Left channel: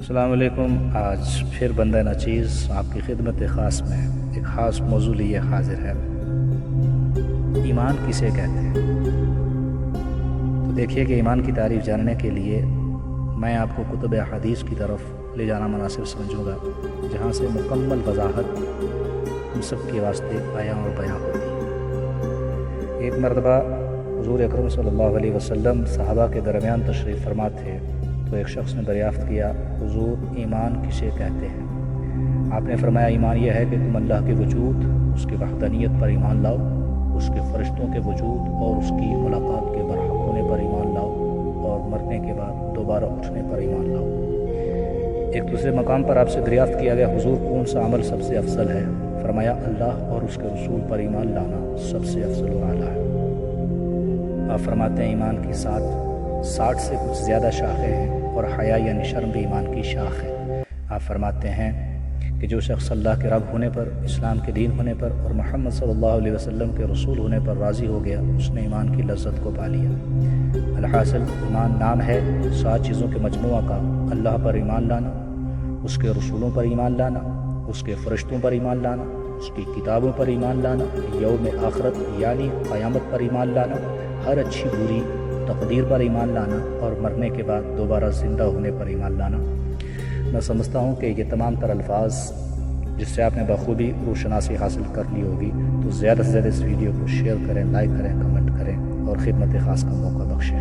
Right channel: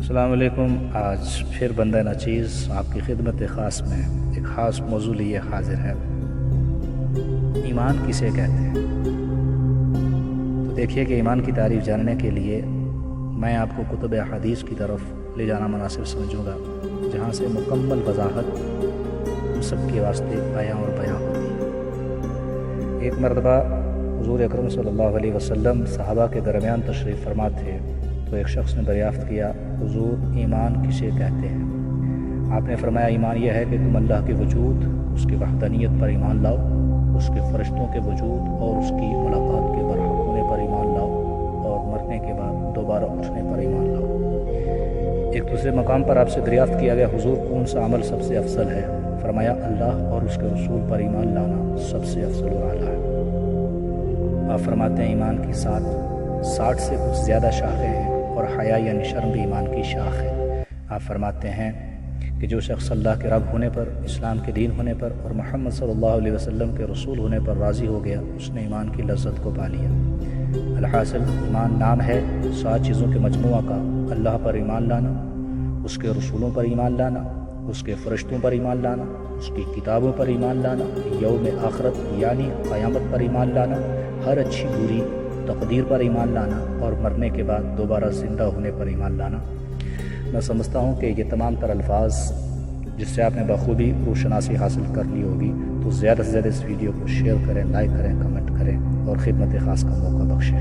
السلام علیکم۔ آج پھر بندہ ناچیز آپ کی خدمت خاص میں ایک خاص موضوع لیے حاضر ہے۔ ایمان کسے کہتے ہیں؟ تو دیکھیے کہ ایمان کی تعریف جاننے کے لیے میں آپ کو کتب احادیث کی طرف لے جانا مناسب سمجھوں گا، جہاں سے مکمل وضاحت ہم سب کے واسطے آیا اور بیاں ہوتی ہے۔ ایک مرتبہ حضور اکرم صلی اللہ علیہ وسلم صحابہ کے درمیان تشریف فرما تھے، تو ایک شخص نے دریافت کیا، حضور ایمان کسے کہتے ہیں؟ آپ نے فرمایا، ایمان یہ ہے کہ تم اللہ کے وجود، اس کی وحدانیت پر ایمان لاؤ، اس کے فرشتوں کے وجود اور اس کی ملاقات کے برحق ہونے پر ایمان لاؤ، اور مرنے کے بعد دوبارہ اٹھنے پر ایمان لاؤ۔ ایک دوسرے مقام پر آپ سے دریافت کیا گیا، حضور کون سا عمل سب سے افضل ہے؟ فرمایا، اللہ اور اس کے رسول پر ایمان لانا سب سے افضل و اعلیٰ ہے۔ آپ فرماتے ہیں، ایمان کی 60 سے کچھ زیادہ شاخیں ہیں، اور حیا یعنی شرم بھی ایمان کی شاخ ہے۔ آپ فرماتے ہیں کہ جو شخص اللہ کے رب ہونے پر، اسلام کے دین ہونے پر اور محمد صلی اللہ علیہ وسلم کے رسول ہونے پر راضی ہو گیا، اس نے ایمان کی لذت کو پا لیا۔ الحاصل ایمان نام ہے 7 چیزوں کے مجموعہ کا: اللہ پر ایمان لانا، اس کے رسولوں پر ایمان لانا، اس کے فرشتوں پر ایمان لانا، اس کی کتابوں پر ایمان لانا، یوم آخرت یعنی قیامت پر ایمان لانا، ہر اچھی بری تقدیر پر ایمان لانا، اور مرنے کے بعد دوبارہ زندہ ہونے پر ایمان لانا۔ میں سمجھتا ہوں کہ یہ تمام تر الفاظ جس سے آپ نے بخوبی روشناسی حاصل کر لی ہوگی، تو زیادہ سے زیادہ اس ویڈیو کو شیئر کریں، لائک کریں، کمنٹ کریں اور خدمت خاص کا موقع بخشیں۔